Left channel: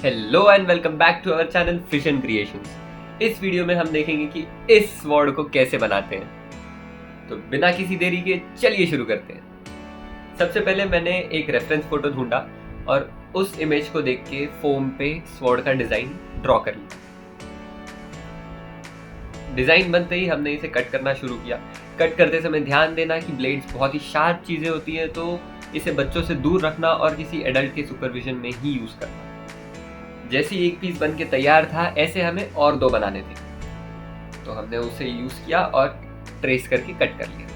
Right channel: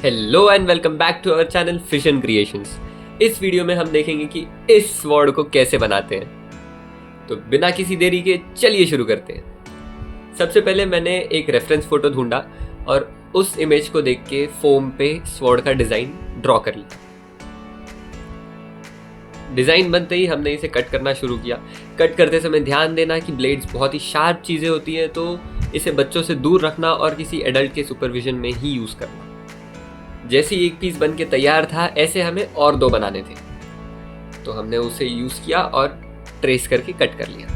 Hello and welcome back to our channel fission creations. इस video में हम देखेंगे कि इस स्वॉर्ड को कैसे बनाते हैं। तो बिना किसी देरी के चलिए शुरू करते हैं। सबसे पहले मैंने एक रेफरेंस फोटो ढूंढा और उस इमेज को देख के फोम पे स्वॉर्ड का डिजाइन ड्रॉ कर लिया। डिजाइन बनते ही हमने इसे कट करना शुरू किया। कट करते समय ध्यान देना कि ब्लेड्स बहुत ही शार्प चीजें होती हैं, तो इसे बच्चों से दूर रखना और किसी एडल्ट के सुपरविजन में ही यूज करना। जैसे ही एक पीस बन के तैयार था, ऐसे हमें और दो बनाने थे, तो हमने उसे यूज किया और ट्रेस करके कट कर लिया।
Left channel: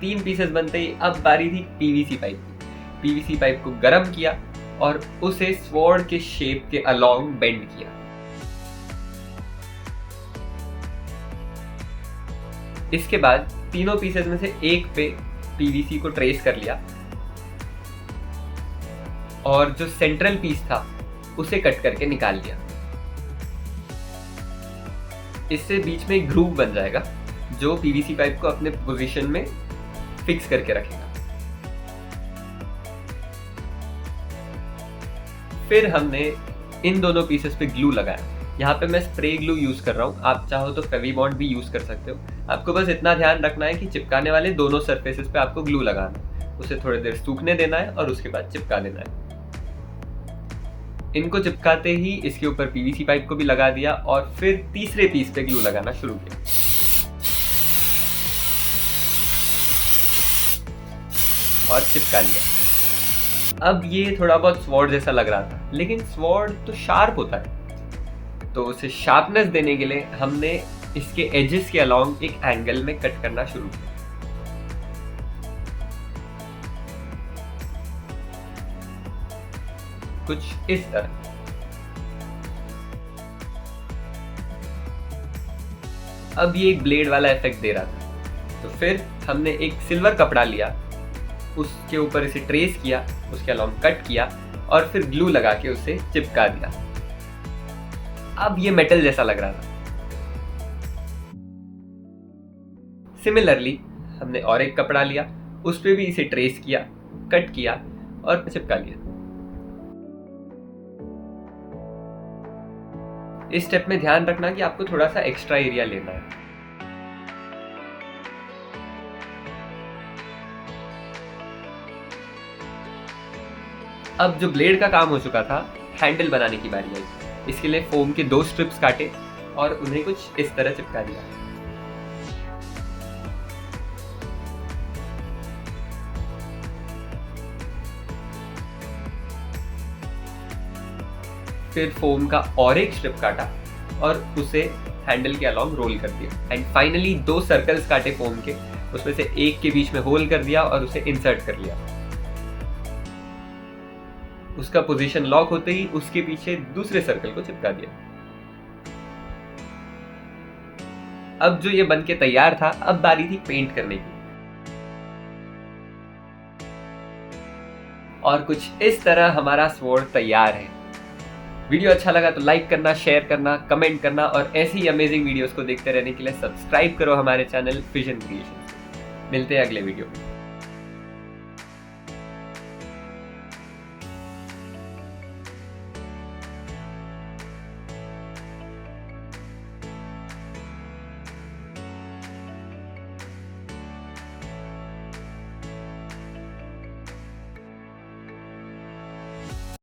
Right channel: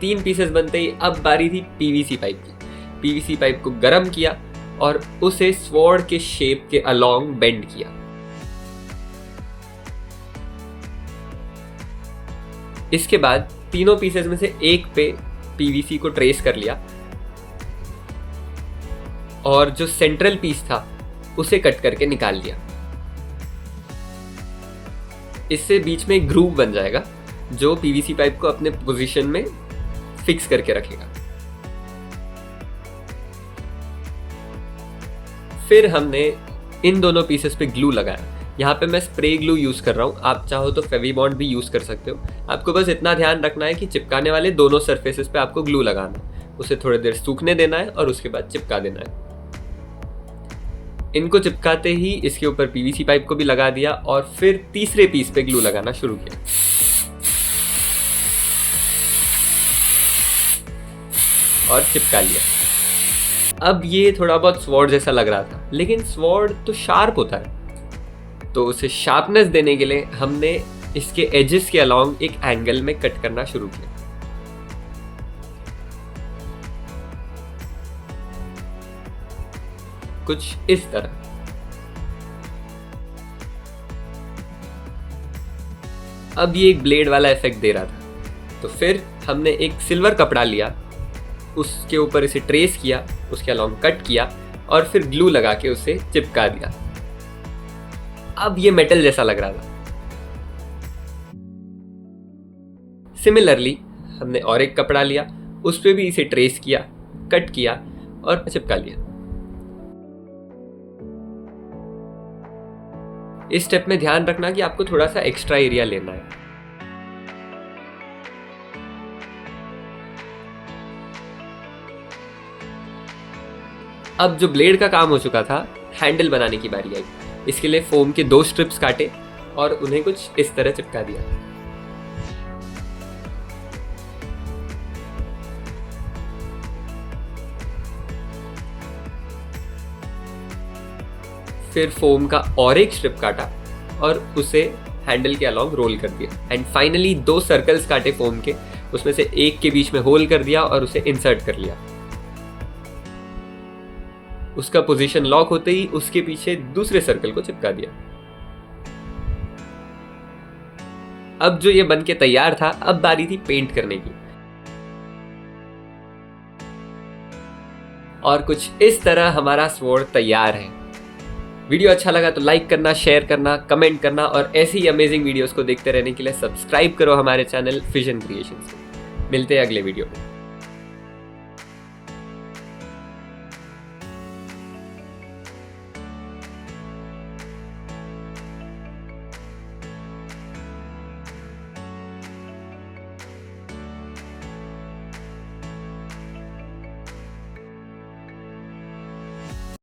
3 पीसेस बनते ही अब बारी थी पीवीसी पाइप की। पीवीसी पाइप को गर्म किया और उसे स्वॉर्ड के शेप के अलोंग बेंड किया। इसके बाद तीनों पीसेस में से एक पे पीवीसी को ट्रेस कर लिया और जो सेंट्रल पीस था उसे कट करके निकाल लिया। इससे बीच में एक ग्रूव बन जाएगा जो पीवीसी पाइप को अपने पोजीशन में फिक्स करके रखेगा। फिर हमने इन दोनों पीसेस पे ग्लू लगाया। यहाँ पे मैं स्प्रे ग्लू यूज कर रहा हूँ, आप चाहो तो फेविबॉन्ड भी यूज कर सकते हो। आपको बस इतना ध्यान रखना है कि चिपकाने वाले दोनों सरफेसेस पे आपको ग्लू लगाना है, उसे थोड़ी देर सूखने देना है और उसके बाद चिपका देना है। इनको चिपकाते ही इसके ऊपर पीवीसी पाइप को भी लगा दिया और फिर तीसरे पीस पे ग्लू लगाना शुरू किया और चिपका लिया। अब ये थोड़ा बहुत स्वॉर्ड जैसा लग रहा था, लेकिन स्वॉर्ड तो शार्प होता है, तो उसे शार्पनेस देने के लिए हमने इसके एजेस के अलोंग एक एंगल में कट करना शुरू किया। कुछ इस तरह। अब ये एक ब्लेड वाला इफेक्ट दे रहा था, तो फिर हमने एक सिल्वर कपड़ा लिया, उसके ऊपर इसे ट्रेस किया, उसके अलोंग कट किया और फिर ग्लू लगा के उसे चिपका दिया। अब ये मेटल जैसा लग रहा था। सिमिलरली हमने और एक कपड़ा लिया, उस पे भी इसे ट्रेस किया, कट किया और चिपका लिया। इस स्टेप में ध्यान रखना कि आपको थोड़ा सा एक्स्ट्रा एरिया लेना है। अब जो ब्लेड का काम हो चुका था, हैंडल बनाने की बारी आई। इसके लिए फोम के 2 स्ट्रिप्स काटे और उन्हें कुछ इस तरह चिपका दिया। फिर फोम का और एक स्ट्रिप काटा और उसे हैंडल के अलोंग रोल कर दिया। एंड फाइनली 2 सर्कल्स काटे फोम के, उसमें से एक के बीच में होल कर दिया और उसे इंसर्ट कर लिया। उसका पोजीशन लॉक होते ही उसके पीछे दूसरे सर्कल को चिपका दिया। अब जो ये बन के तैयार था, अब बारी थी पेंट करने की। और कुछ इस तरह हमारा स्वॉर्ड तैयार है। वीडियो अच्छा लगा तो लाइक करना, शेयर करना, कमेंट करना और ऐसी ही अमेजिंग वीडियोस को देखते रहने के लिए सब्सक्राइब करो हमारे चैनल फिशन क्रिएशंस। मिलते हैं अगले वीडियो में।